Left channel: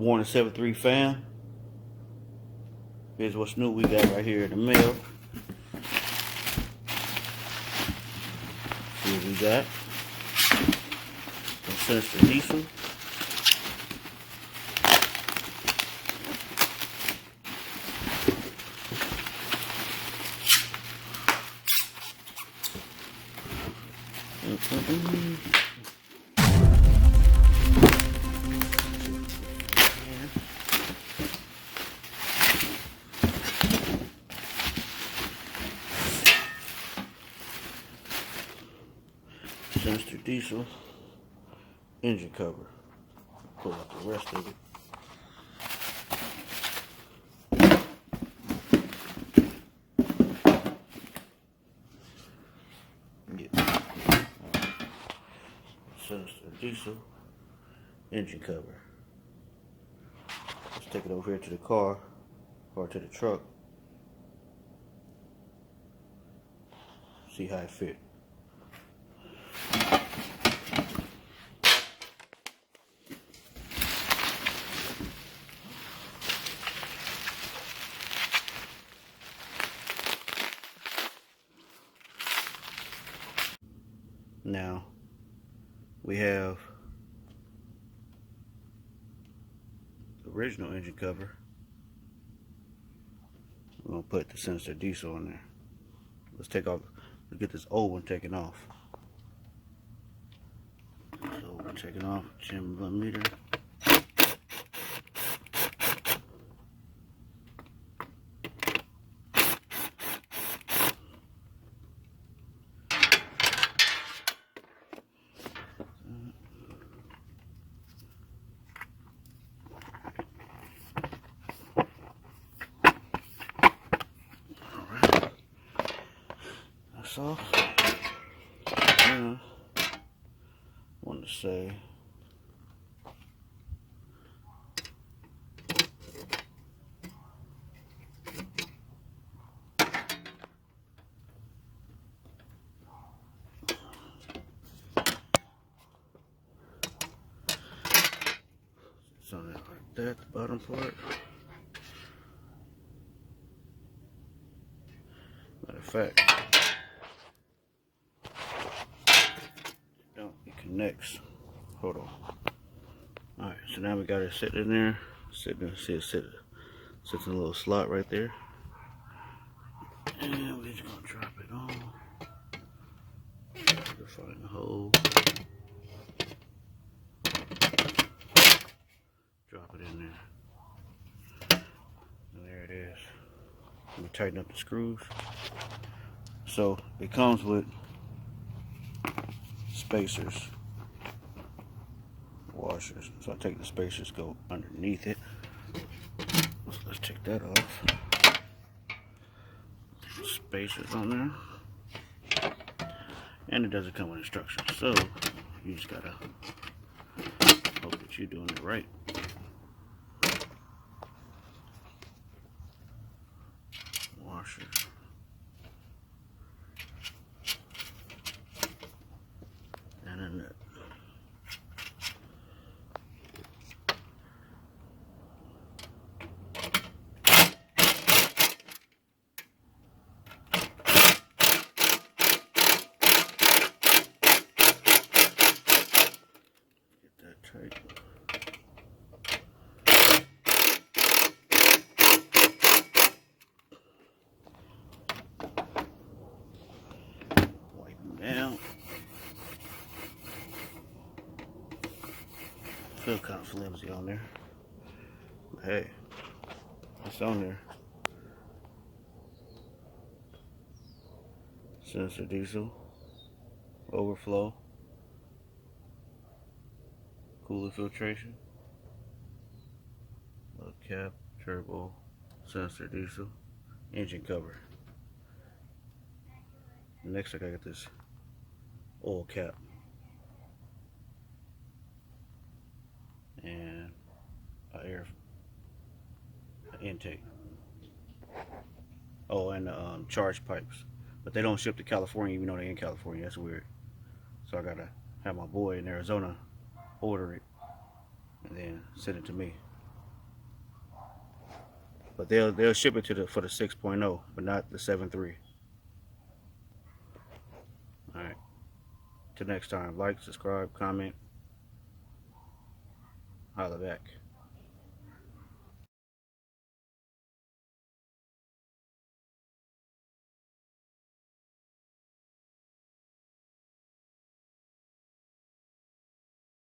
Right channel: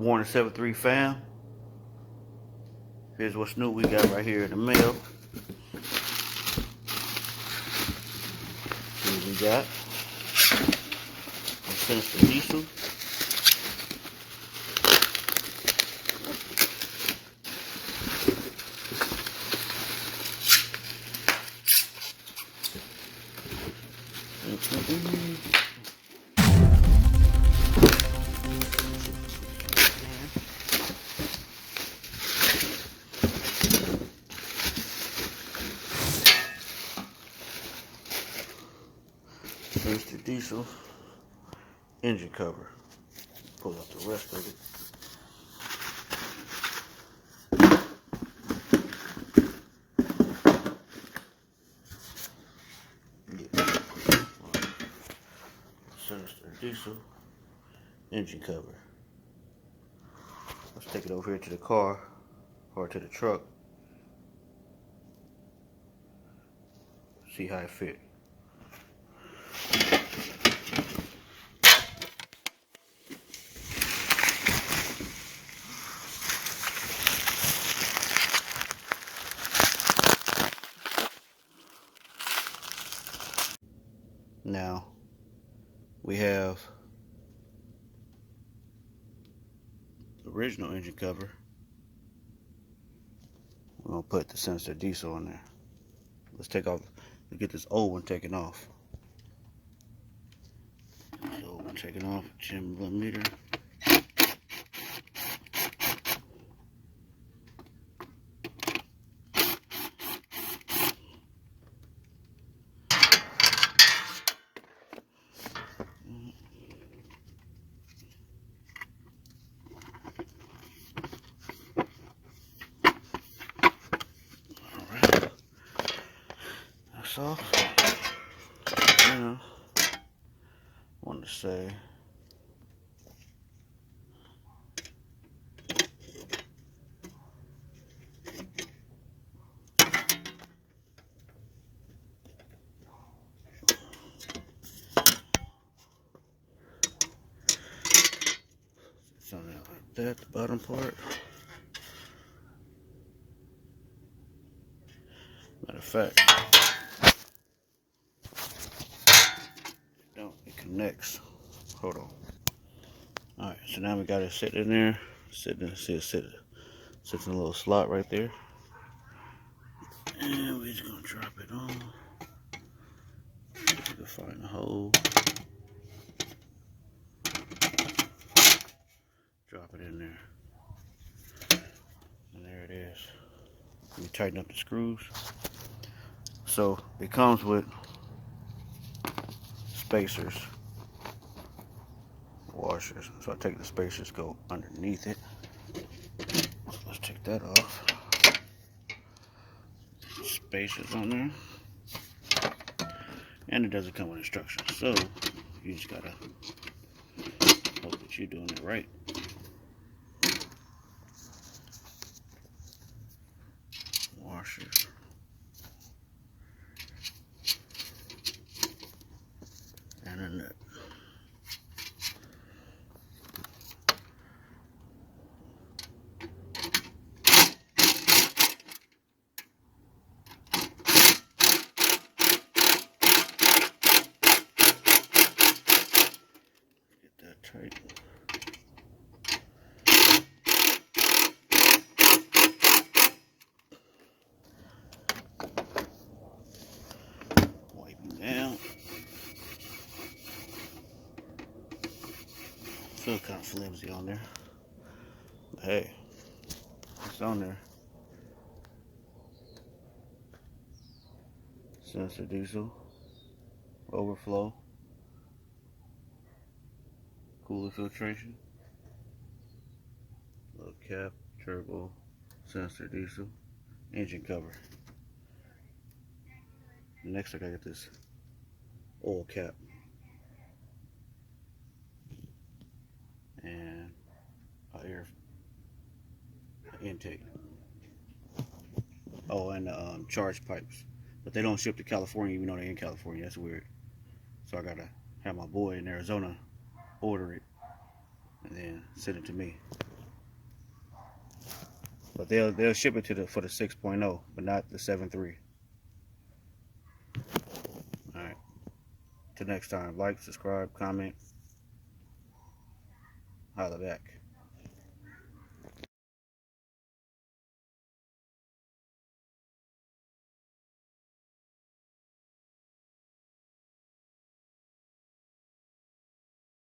Warner 73 fam. Here's what's new we got right here in the mail. See what we got. Some Sinister diesel. Sinister diesel engine cover. Pull out the rest of it. Sinister diesel engine cover. Let's take it over here to the car or to the truck. See how it fit. Now we have the original engine cover. We're gonna put the Sinister diesel on there. Let's get this old one taken off. This old one taken off, 10 millimeter. So, I want to say something like that, the bottom part. Matter of fact, it connects. Hold on. Alright, so now we got it sitting in there. Sits in a little slot right there. And we're just gonna drop it on. You can find the hole. Drop it in there. And there it is. We tighten up the screws. So it comes with spacers, washers. So I take the spacers, go underneath it. Let's take that off. Spacers on there. And it doesn't come with instructions. So you just gotta hope that you're doing it right. Washers. And a nut. Tight. Wipe them down. Feel kind of flimsy on there. But hey, it's on there. Sinister diesel, overflow, cooler filtration, little cap, turbo, Sinister diesel, engine cover. Next I gotta get this oil cap and air intake. Oh, and charge pipes, but they don't ship to California even though they're in California. That's weird. So I gotta have my boy in Arizona order it and then send it to me. But they'll ship it to the for the 6.0, but not the 7.3. All right. Till next time, like, subscribe, comment, holla back.